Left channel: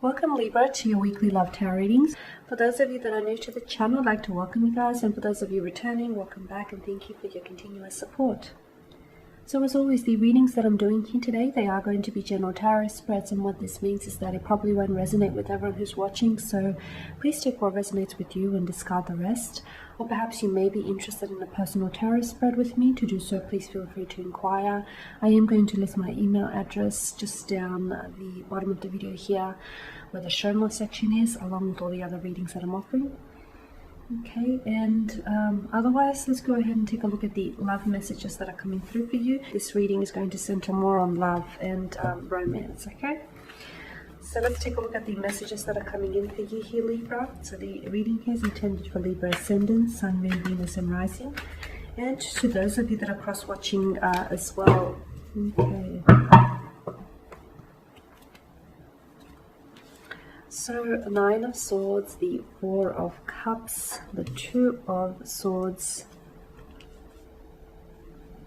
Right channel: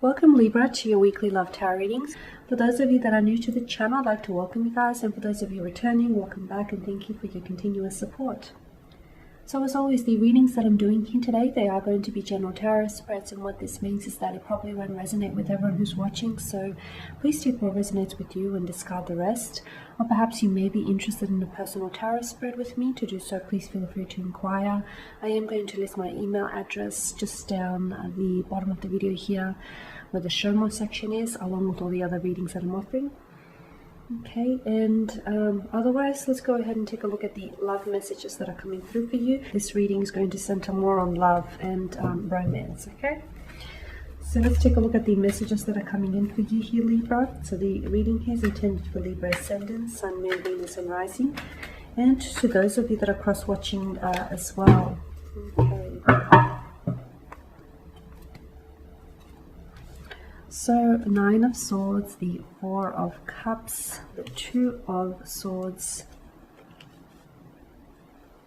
Welcome Libra to your weekly love tarot readings. For those of you that are new to the channel, I'd like to welcome you guys, and for those of you returning, welcome back and thank you for your continuous support. So as always, the readings that I'm doing here today, they are going to be general tarot spreads, and what this means is that it probably won't resonate with everyone who's watching, so please take what resonates with you and discard the rest. Or perhaps you may be interested in a personal tarot spread with me. To do so, please feel free to inquire. I am going to list my email address just down at the bottom of the video here where the show more section is, along with all the other readings that I'm offering. Okay, and otherwise, let's go ahead and take a look at the love messages that are coming through for you. This reading is going to center more on love and romance, okay? So let's take a look at the messages that are coming in for you here, Libra. So the reading here is intended for Libra Ascendant, Sun, Moon, Venus, and Rising. And to those of you that are cross-watching as well. Okay. So, Nine of Swords, the Four of Cups, the Two of Swords.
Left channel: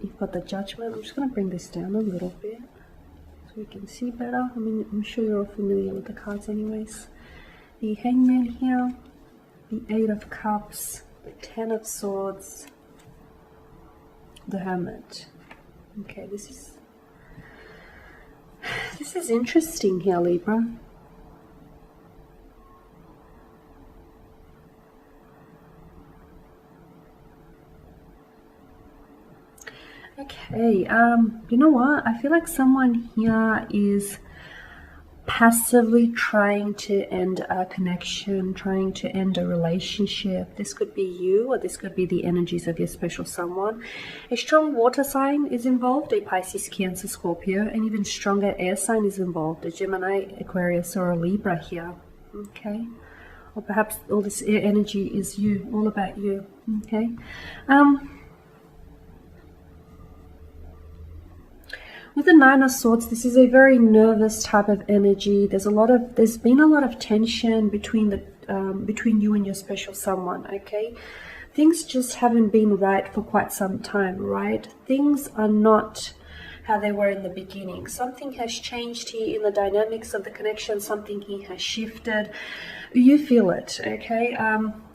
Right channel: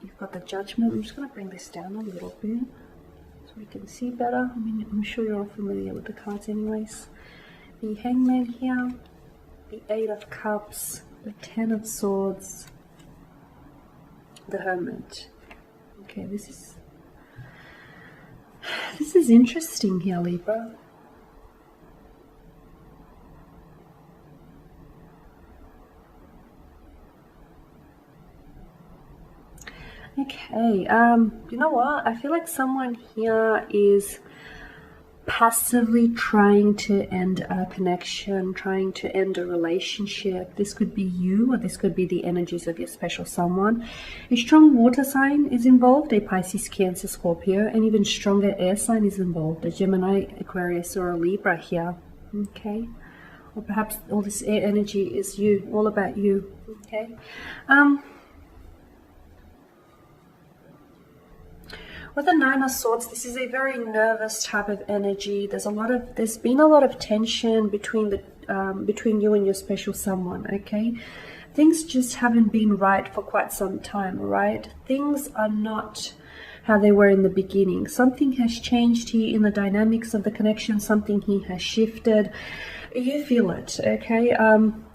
You've got the Judgment. I'm just going to bring this down a little bit so we can see better. I mean, I'm sure you're all familiar with the cards anyways. The Hangman here, the Eight of Cups, the Ten of Swords, the Hermit. Okay, this is interesting here, Libra. Okay, you know what? I feel like someone here is passively trying to end a connection, trying to end a relationship. This could be you, or this could be the energies of your special someone. A strong water sign is involved, a Pisces, Cancer, Scorpio, and even stronger air sign is involved, a Gemini, Aquarius, or a Libra here. Okay, or perhaps all this air energy is you, all about you. Okay. With the Nine of Swords, this is a very nervous type of energy. There's been a lot of tension between you and your special someone. Okay, things just haven't been right for quite some time. Right, things are not how they were in the beginning. Something has changed here in the dynamics of the connection. Something here has shifted. You feel it. Okay.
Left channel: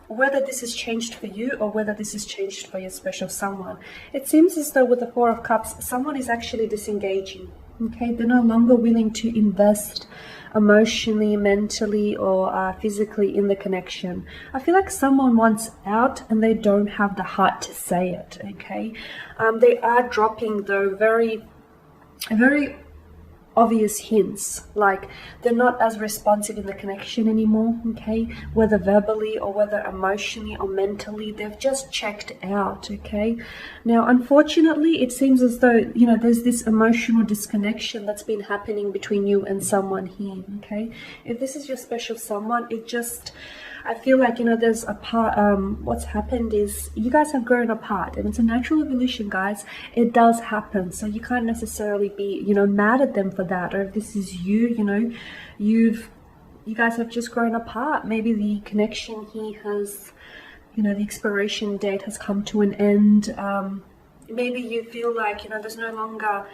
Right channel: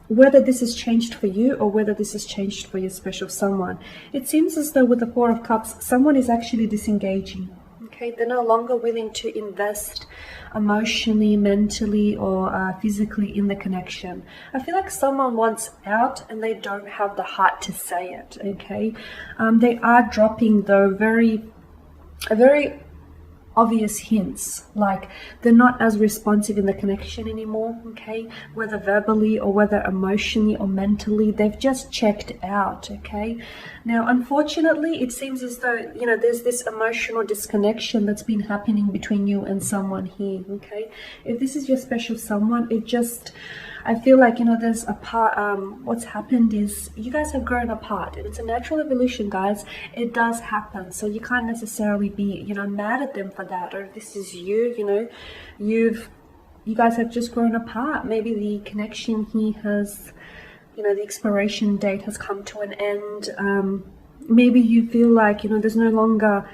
Whether this has changed for you or whether this has changed for your special someone. It seems as though with the Four of Cups, someone is actually disengaging. Okay, they're no longer willing to invest emotionally, mentally, or physically in the connection. I feel like someone wants out and they don't have the heart to say it. Okay, they are dropping though very obvious hints, like they're not as responsive in the connection anymore. Okay, whether verbally or whether emotionally or mentally, they've just checked out. Okay, now unfortunately it seems as though there's this emotional disconnection that's been happening between you and someone here. Okay, if this is your special someone, I feel like there's a part. What's happened is you guys have grown apart, and it's a natural evolution, guys. It does happen, so you can't necessarily be mad at them for that. Or if this is you, you guys have just grown apart. Maybe the connection here has, the expiration date has come to an end. Maybe you feel like there's no longer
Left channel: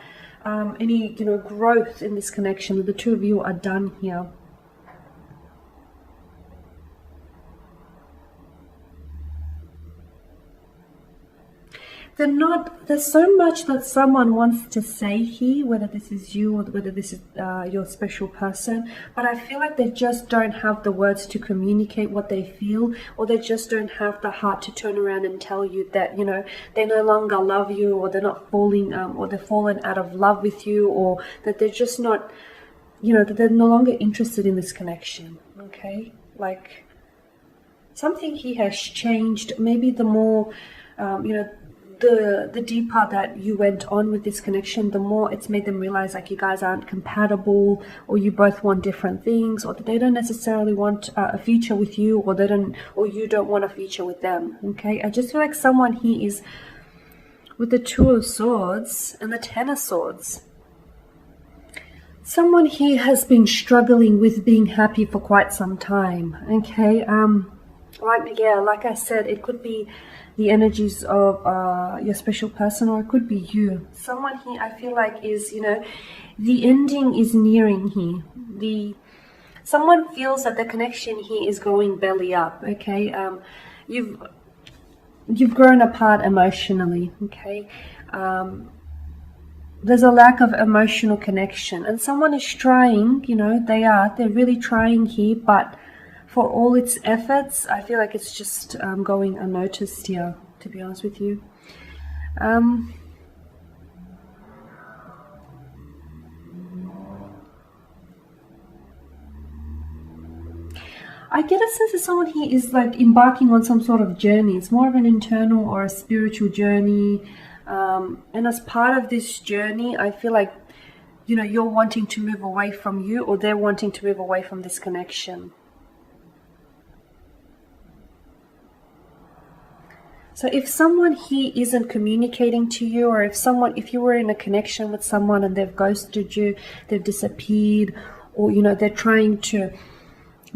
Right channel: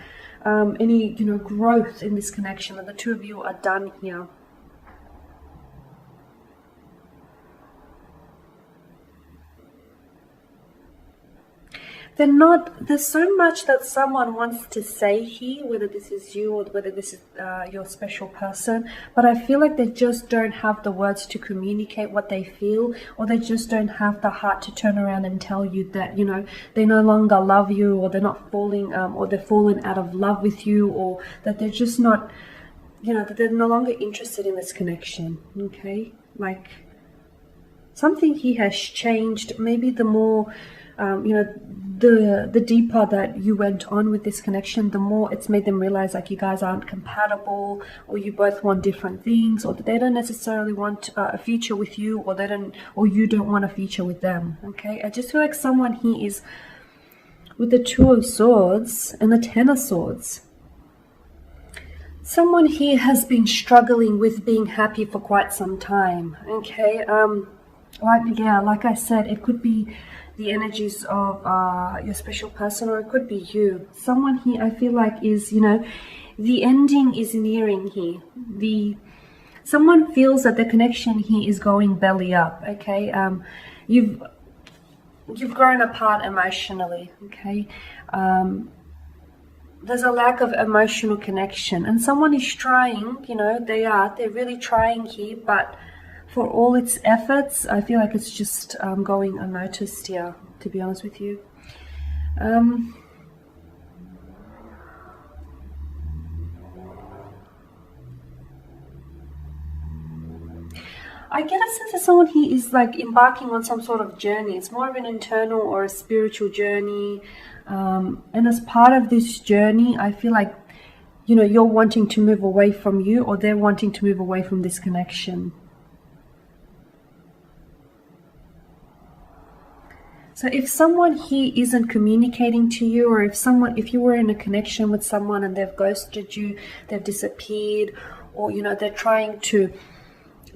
any growth in this connection. That the two of you are done here. There's so much that someone wants to say here, whether this is you or whether this is your special person, but I feel like they just don't have the words to communicate what they feel, or they just don't have the heart to turn around and tell you that, they no longer love you, or they're not falling, or they've fallen out of love with you, or that they're just not, that they're no longer interested in this connection. Okay, like something here has changed. Maybe the more the deeper that you went on with this connection, the more it's made them realize like you guys aren't compatible, or you both want different things, or that they don't necessarily want a future with you, or you don't want a future with them. Okay, I just feel like someone here is with the Two of Swords and the Ten of Swords. Someone here has been struggling with being happy for quite some time. Okay, like I said, it could be the energies of your special person, or it could be you. Someone here I feel like is, the ending is nearing here. Someone feels that the connection here is going belly up, okay? You've grown apart emotionally, okay? There's a lack of emotional connection, and someone is trying, you know, they're really trying here, but for all its efforts, I feel like it's just going unnoticed here, to be honest with you. I get a sense that someone here is like embarking on some sort of journey. It's more of an internal or a spiritual journey. And as part of this journey, I feel like, you know, you're wanting to move away from you, or they're wanting to move away from this connection. So if someone here isn't communicating to you, or if you were in a connection with someone and they've ghosted you, they've disappeared, or, you know, they've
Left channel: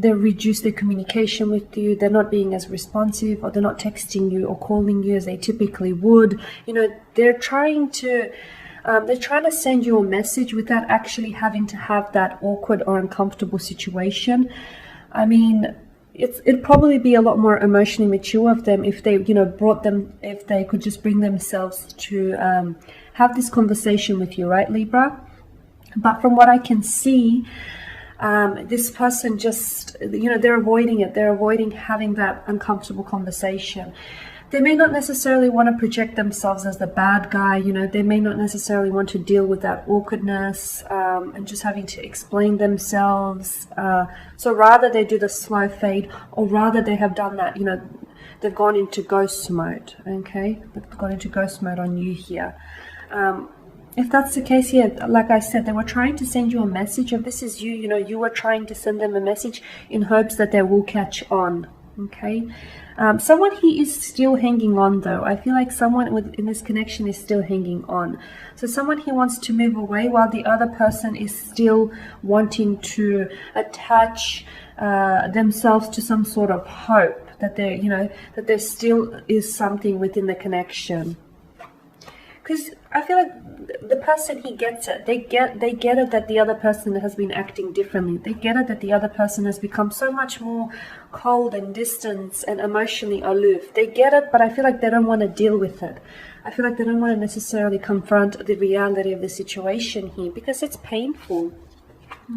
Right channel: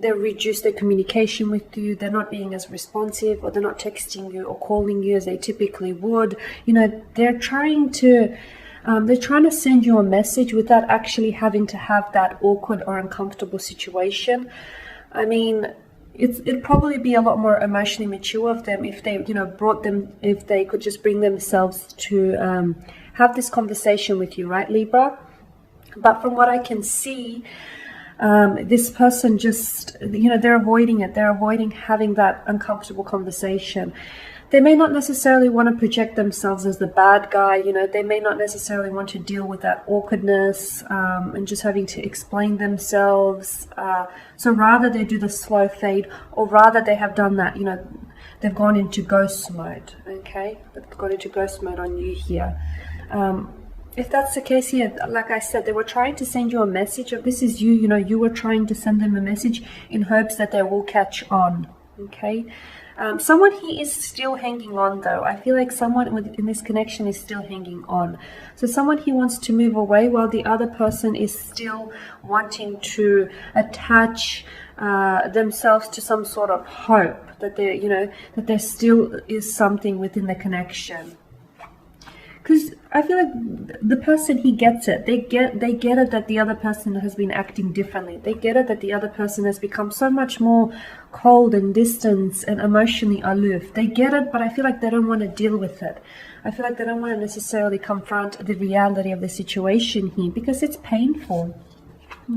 reduced their communication with you, they're not being as responsive, or they're not texting you or calling you as they typically would. You know, they're trying to send you a message without actually having to have that awkward or uncomfortable situation. I mean, it'd probably be a lot more emotionally mature of them if they, you know, if they could just bring themselves to have this conversation with you, right, Libra? But from what I can see, this person just, you know, they're avoiding it. They're avoiding having that uncomfortable conversation. They may not necessarily want to project themselves as the bad guy, you know, they may not necessarily want to deal with that awkwardness and just having to explain themselves. So rather they do the slow fade, or rather they have done that, you know, they've gone into ghost mode, okay? They've gone into ghost mode on you here. If that's the case here, like I said, they were trying to send you a message of this is you, you know, you were trying to send them a message in hopes that they will catch on, okay? Someone here is still hanging on though. I feel like someone in this connection is still hanging on. So someone here wants to move away while the other person is still wanting to attach themselves to some sort of hope that there, you know, that there still is something within the connection. Because I feel like the person, he gets it. They get it that the other person has been acting differently. They get it that the other person has become so much more cold and distant and emotionally aloof. They get it, but I feel like they don't want to deal with it. I feel like they don't want to necessarily confront the reality of the situation here because it's painful.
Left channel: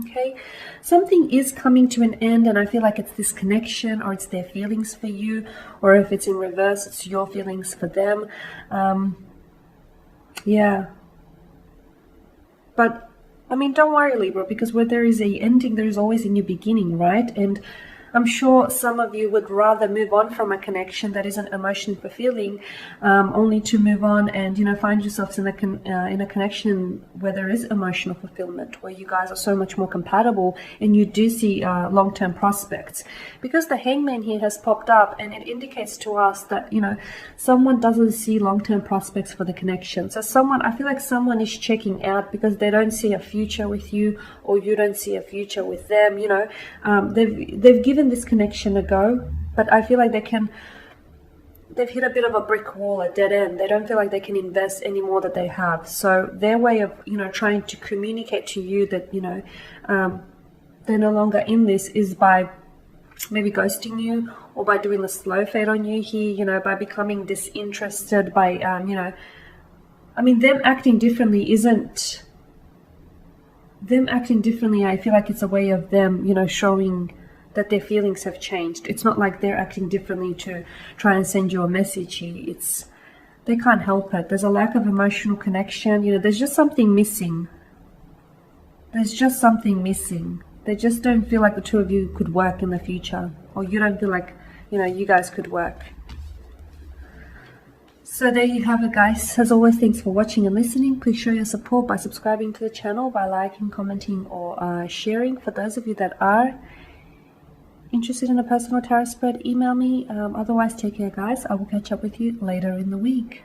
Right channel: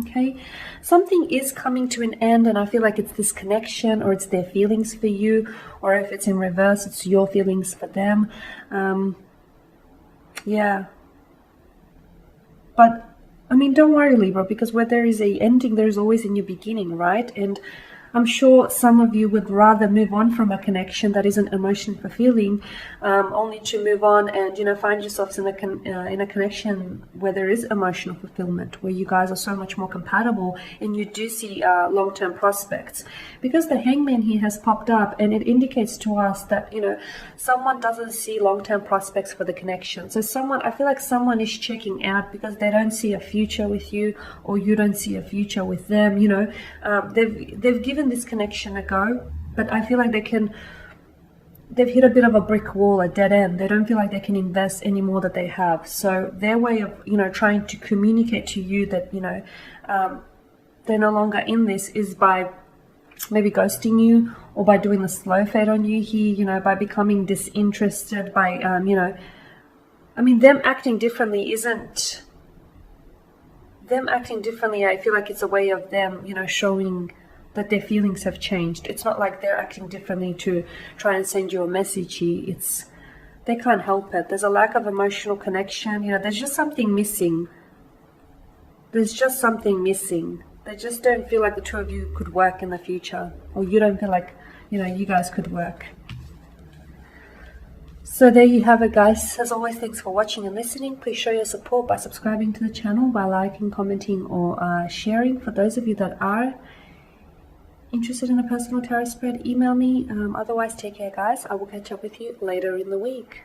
Okay, something is coming to an end, and I feel like it's this connection, or it's their feelings for you, or if it's in reverse, it's your feelings for them. Yeah, but I mean, don't worry, Libra, because where there is a ending, there's always a new beginning, right? And I'm sure some of you would rather move on from a connection that isn't emotionally fulfilling, only to move on and, you know, find yourselves in a connection where there is emotional fulfillment, where you guys are so much more compatible and you do see long-term prospects. Because the Hangman here has popped up, and it indicates to us that, you know, someone doesn't see long-term prospects for the connection. So I feel like someone is checking out because they don't see a future with you, or you don't see a future with them. You know, they've given this connection a go, but I feel like they've hit a bit of a brick wall, a dead end. They don't feel like they can invest any more that they have. So their way of, you know, trying to communicate to you that, you know, they're no longer in this is by maybe ghosting you, or by doing the slow fade on you here, you know, by becoming disinterested, by, you know, I mean, them acting differently, I feel like it's a way of them, you know, showing that their feelings have changed. It's not like they're acting differently to try and send you a message here. They can't help it. There's a lack of emotional connection. You know, there's just something missing. They just don't feel like the two of you could work in the future, or you don't feel like, you know, you guys could work. So there you have it, guys. As always, thanks for watching and listening. Please show your support by subscribing to the channel, by liking, commenting, or sharing. For those of you that are interested in a personal tarot spread, email me. Otherwise, take care, guys. I will catch up with you later in the week.